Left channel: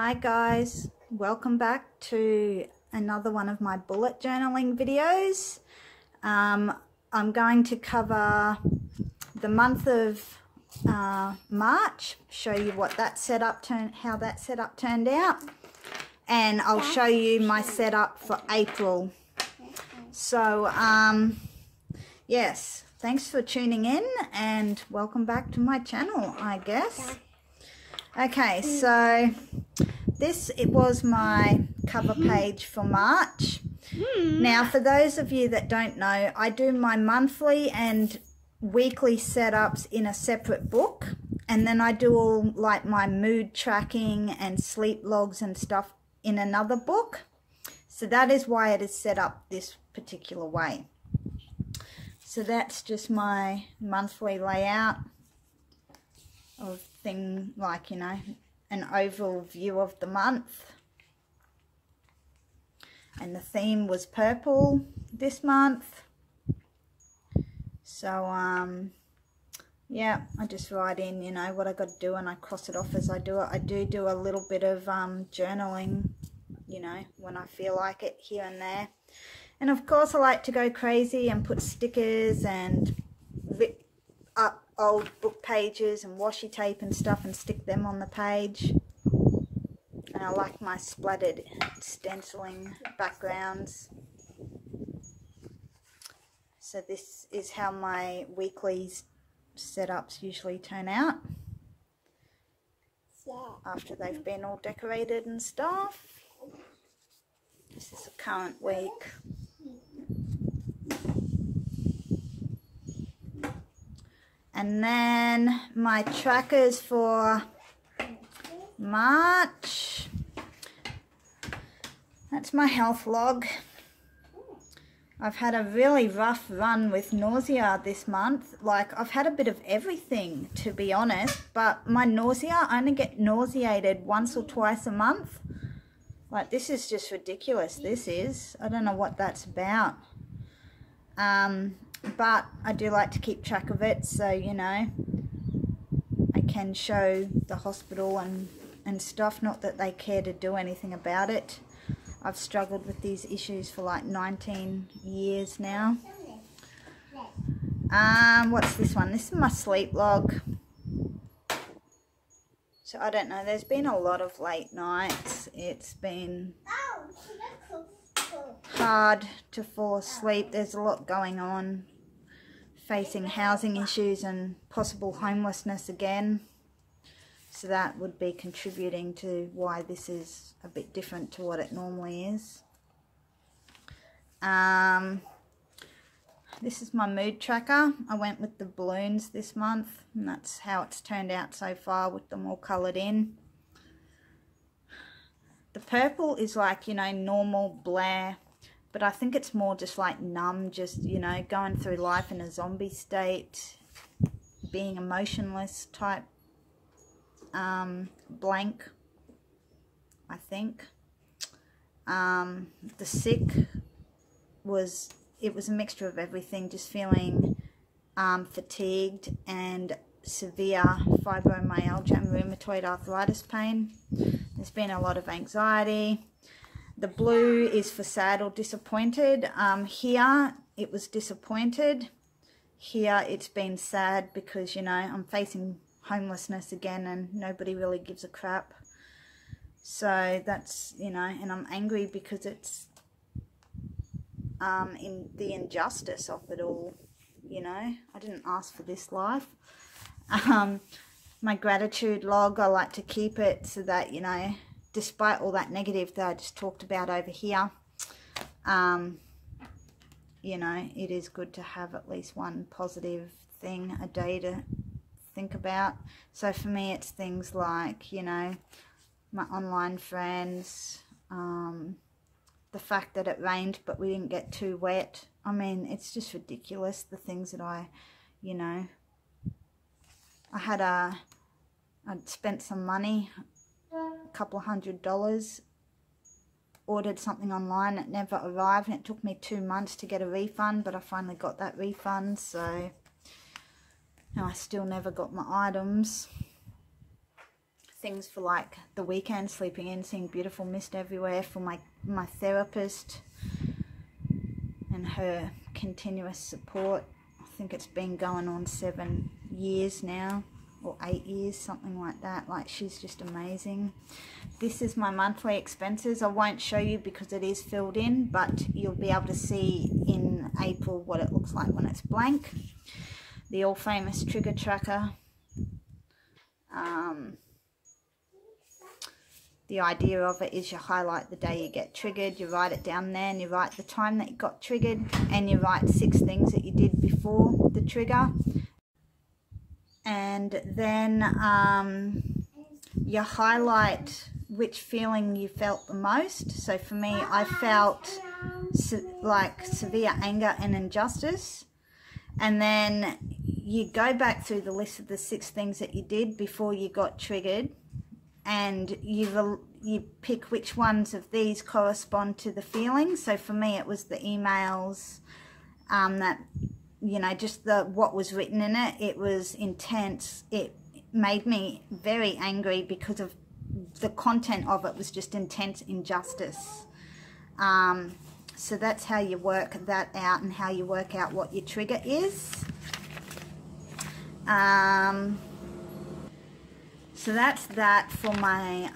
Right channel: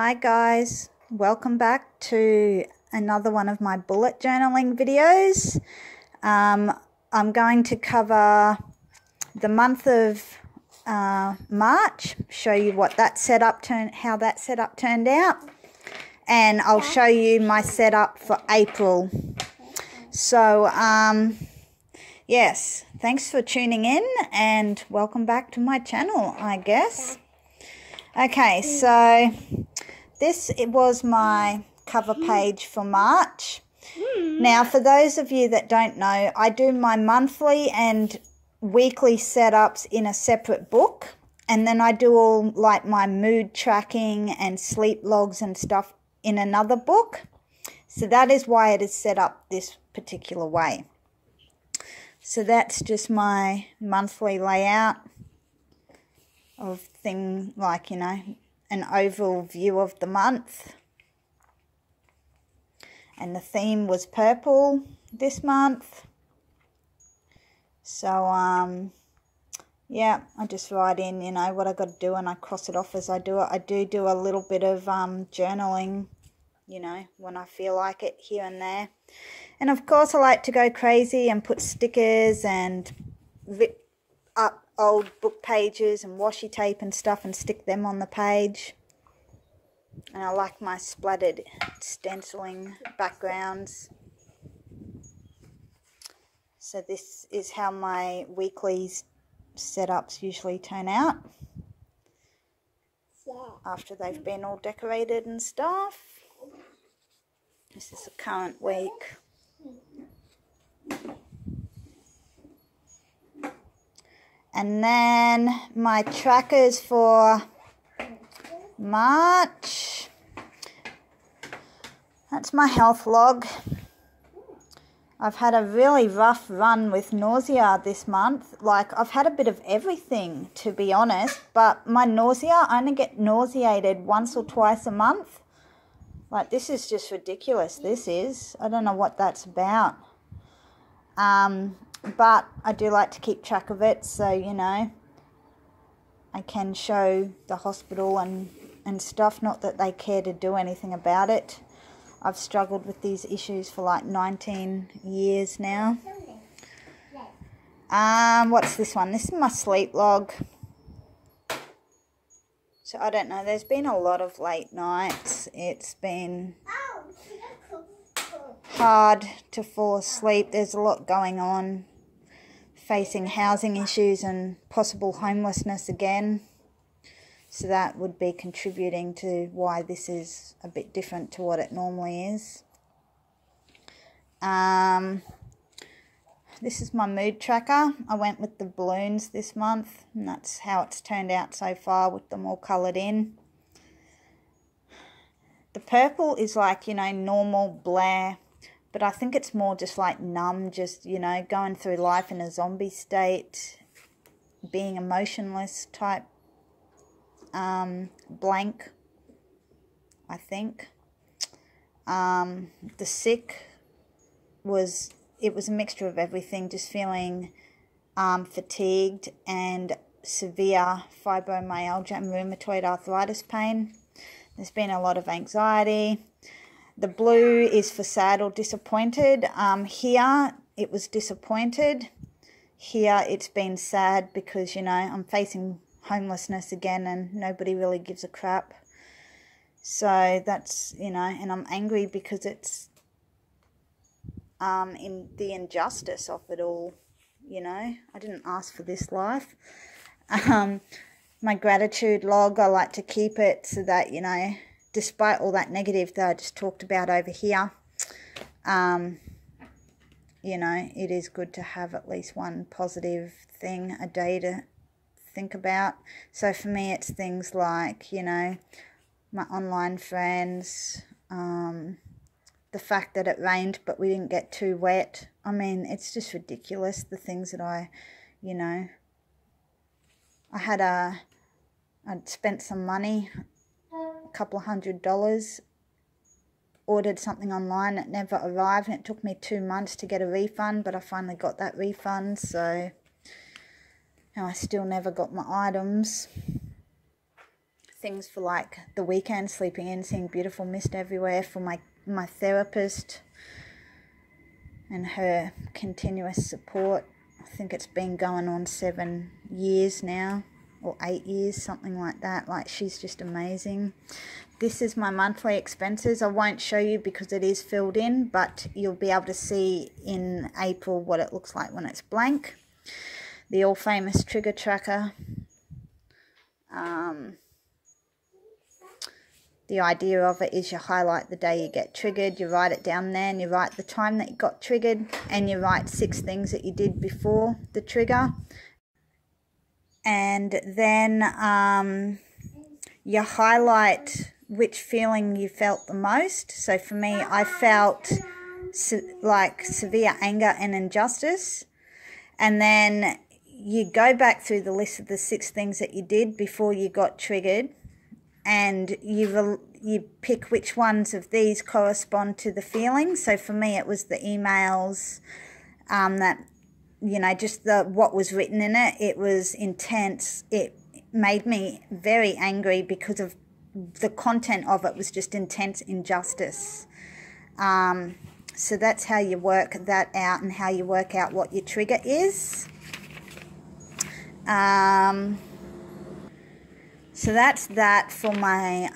Hi guys, welcome back to another one of my bullet journaling videos. I'm going to cover the month of March, show you what that setup how that setup turned out, and I'll show you my setup for April. So yes, thanks for tuning in and welcome back to my channel, I guess. Okay, so it was my cover page for March. Now, for those of you that don't know, I do my monthly and weekly setups in a separate book, and then I do all like my mood tracking and sleep logs and stuff in another book. So that is why it is set up this particular way. So that's just my monthly layout of thing, like, you know, an overall view of the month. And the theme was purple this month. So yeah, I just write in, you know, what I got to do, and I cross it off as I do it. I do a little bit of journaling, you know, when I feel like it, here and there. And of course I like to go crazy and put stickers and rip up old book pages and washi tape and stuff and stick them on the page. And I like my splattered stenciling backgrounds. So this is how my weekly setups usually turn out after they've been all decorated and stuff. This is the current week. And then my trackers for March. That's my health log. I've had a really rough run with nausea this month. Like, I've had a bit of everything, to be honest. But my nausea, I only get nauseated once or twice a month. Like, this is just ridiculous, this is. I don't know what that's about. But I do like to keep track of it, so, you know, I can show the hospital and stuff. Not that they care to do anything about it. I've struggled with these issues for like 19 years now. What's this one? This is my sleep log. So I don't know, there's been a lot of late nights. It's been hard to fall asleep. There's a lot going on, facing housing issues and possible homelessness again. So that would be contributing to why this is a bit different to what it normally is. This is my mood tracker. I went with the balloons this month, and that's how it's turned out so far, with them all coloured in. The purple is like, you know, normal Blair, but I think it's more just like numb, just, you know, going through life in a zombie state, being emotionless type, blank, I think. The sick was, it was a mixture of everything, just feeling fatigued and severe fibromyalgia and rheumatoid arthritis pain. There's been a lot of anxiety. The blue is for sad or disappointed. Here it was disappointed. Here it's been sad because, you know, I'm facing homelessness again and nobody really gives a crap. So that's, you know, and I'm angry because it's in the injustice of it all, you know. I didn't ask for this life. My gratitude log, I like to keep it so that, you know, despite all that negative that I just talked about over here, you know, it is good to have at least one positive thing a day to think about. So for me, it's things like, you know, my online friends, the fact that it rained but we didn't get too wet. I mean, it's just ridiculous, the things that I, you know, I'd spent some money, a couple of $100, ordered something online, it never arrived, and it took me 2 months to get a refund, but I finally got that refund. So I still never got my items. things for like the weekend, sleeping in, seeing beautiful mist everywhere, for my therapist and her continuous support. I think it's been going on 7 years now, or 8 years, something like that. Like, she's just amazing. This is my monthly expenses. I won't show you because it is filled in, but you'll be able to see in April what it looks like when it's blank. The all famous trigger tracker. The idea of it is you highlight the day you get triggered, you write it down there, and you write the time that you got triggered, and you write 6 things that you did before the trigger. And then you highlight which feeling you felt the most. So for me, I felt like severe anger and injustice. And then you go back through the list of the 6 things that you did before you got triggered, and you pick which ones of these correspond to the feelings. So for me, it was the emails that, you know, just what was written in it. It was intense. It made me very angry because of the content of it was just intense injustice. So that's how you work that out, and how you work out what your trigger is. So that's that for my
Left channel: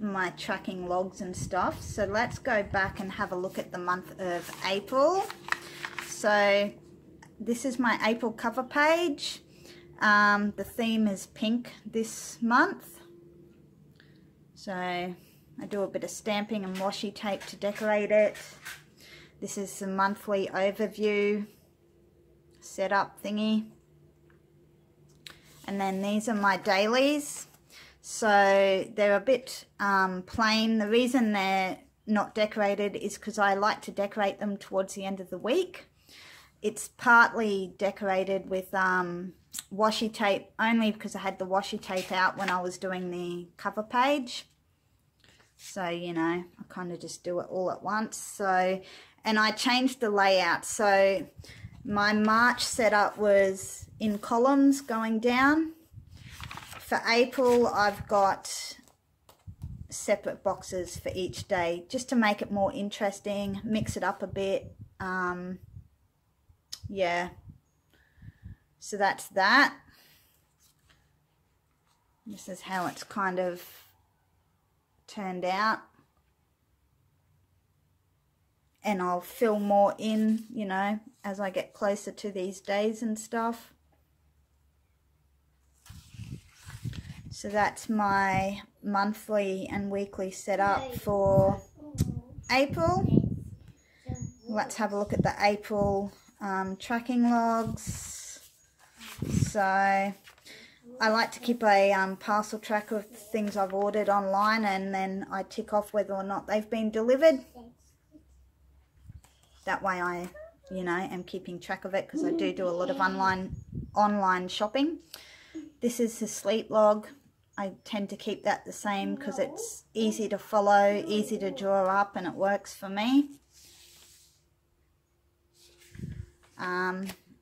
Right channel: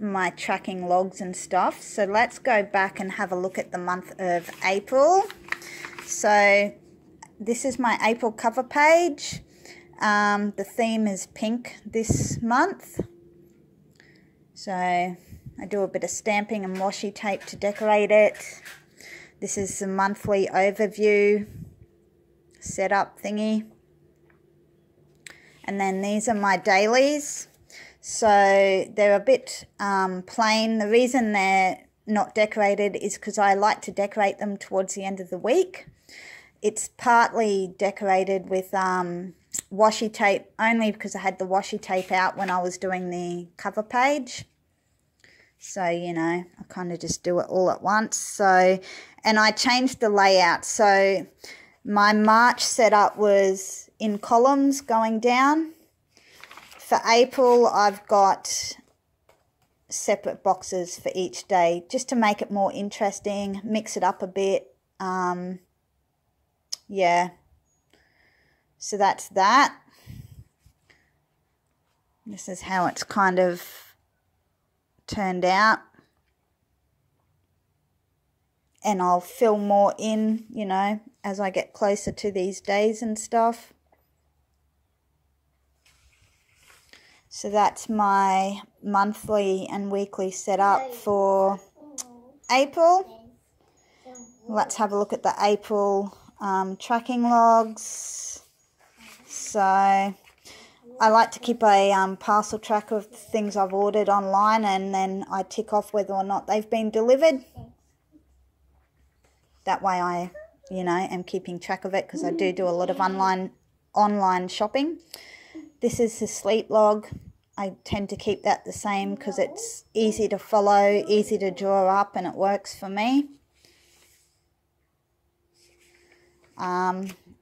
my tracking logs and stuff. So let's go back and have a look at the month of April. So this is my April cover page. The theme is pink this month. So I do a bit of stamping and washi tape to decorate it. This is the monthly overview setup thingy. And then these are my dailies. So they're a bit plain. The reason they're not decorated is because I like to decorate them towards the end of the week. It's partly decorated with washi tape, only because I had the washi tape out when I was doing the cover page. So, you know, I kind of just do it all at once. So, and I changed the layout. So my March setup was in columns going down. For April, I've got separate boxes for each day, just to make it more interesting, mix it up a bit. Yeah, so that's that. This is how it's kind of turned out. And I'll fill more in, you know, as I get closer to these days and stuff. So that's my monthly and weekly setup for April. Let's have a look at the April tracking logs. So I like to keep a parcel tracker of the things I've ordered online, and then I tick off whether or not they've been delivered. That way I, you know, am keeping track of it, because I do a lot of online shopping. This is the sleep log. I tend to keep that the same because it's easy to follow, easy to draw up, and it works for me.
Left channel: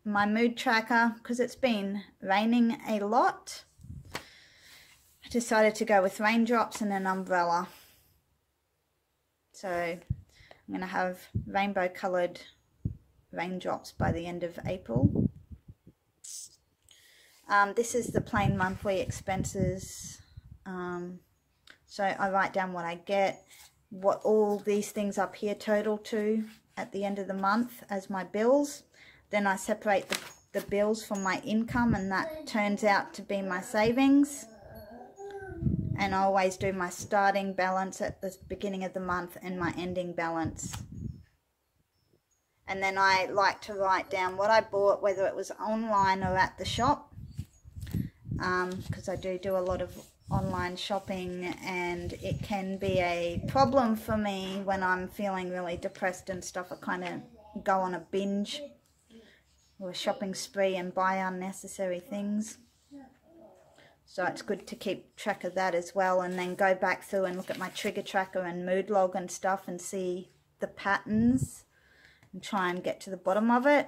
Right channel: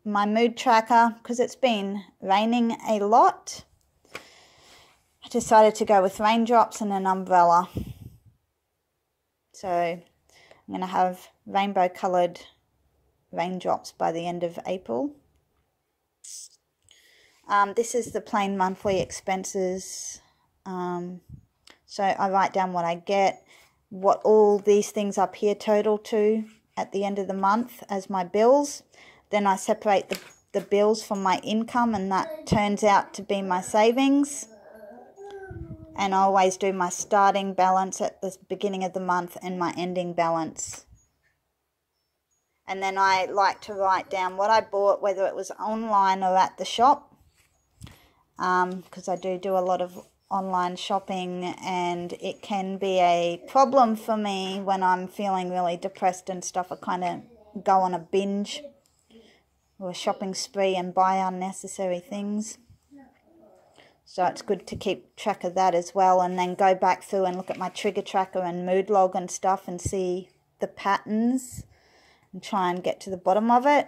My mood tracker, because it's been raining a lot, I decided to go with raindrops and an umbrella. So I'm going to have rainbow coloured raindrops by the end of April. This is the plain monthly expenses. So I write down what I get, what all these things up here total to at the end of the month as my bills. Then I separate the bills from my income, and that turns out to be my savings. And I always do my starting balance at the beginning of the month and my ending balance. And then I like to write down what I bought, whether it was online or at the shop, because I do a lot of online shopping, and it can be a problem for me when I'm feeling really depressed and stuff. I kind of go on a binge or a shopping spree and buy unnecessary things. So it's good to keep track of that as well, and then go back through and look at my trigger tracker and mood log and stuff and see the patterns and try and get to the bottom of it.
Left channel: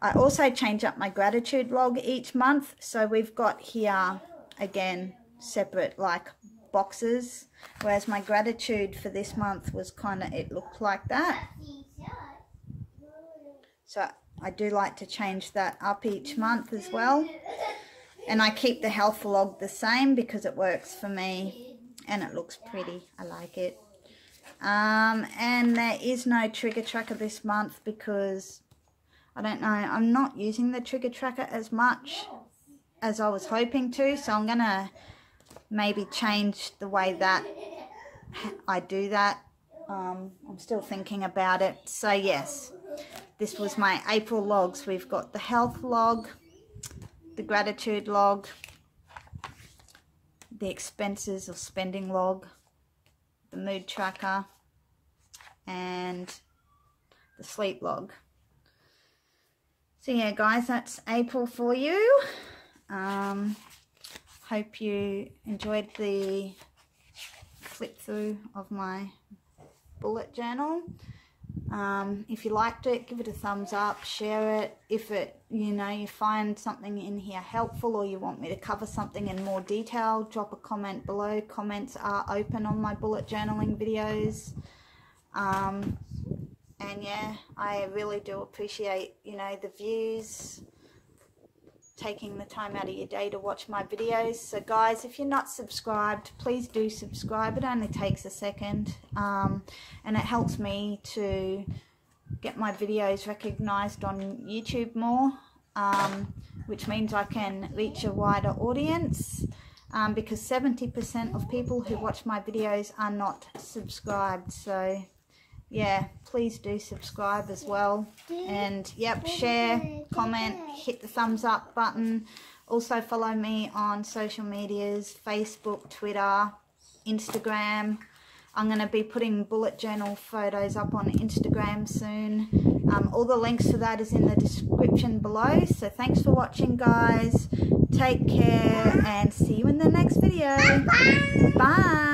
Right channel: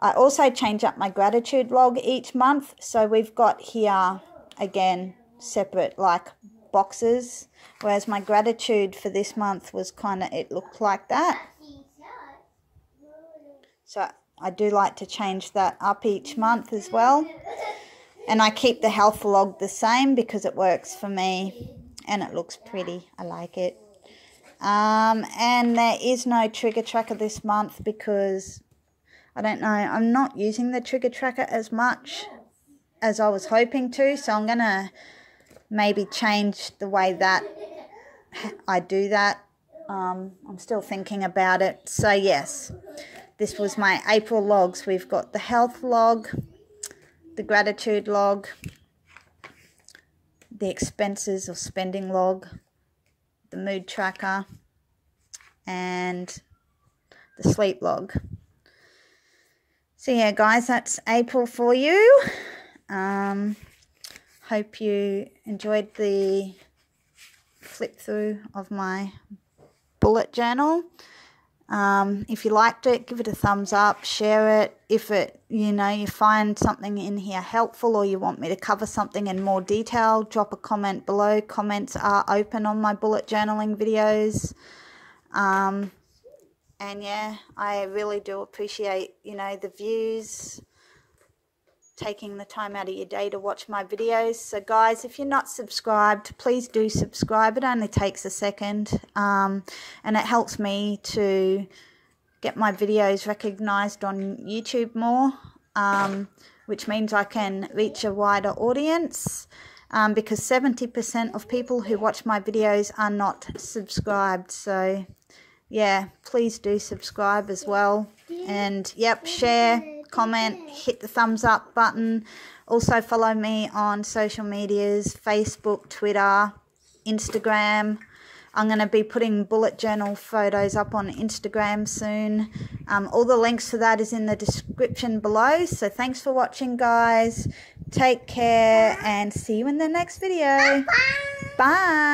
I also change up my gratitude log each month. So we've got here, again, separate like boxes, whereas my gratitude for this month was kind of, it looked like that. So I do like to change that up each month as well. And I keep the health log the same because it works for me and it looks pretty. I like it. And there is no trigger tracker this month because I don't know, I'm not using the trigger tracker as much as I was hoping to, so I'm gonna maybe change the way that I do that. I'm still thinking about it. So yes, this was my April logs. We've got the health log, the gratitude log, the expenses or spending log, the mood tracker, and the sleep log. So yeah, guys, that's April for you. Hope you enjoyed the flip through of my bullet journal. If you liked it, give it a thumbs up, share it. If it, you find something in here helpful or you want me to cover something in more detail, drop a comment below. Comments are open on my bullet journaling videos. And yeah, I really do appreciate, the views, taking the time out of your day to watch my videos. So guys, if you're not subscribed, please do subscribe. It only takes a second, and it helps me to get my videos recognized on YouTube more, which means I can reach a wider audience, because 70% of people who watch my videos are not subscribed. So yeah, please do subscribe as well. And yep, share, comment, hit the thumbs up button. Also follow me on social medias, Facebook, Twitter, Instagram. I'm going to be putting bullet journal photos up on Instagram soon. All the links to that is in the description below. So thanks for watching, guys. Take care and see you in the next video. Bye.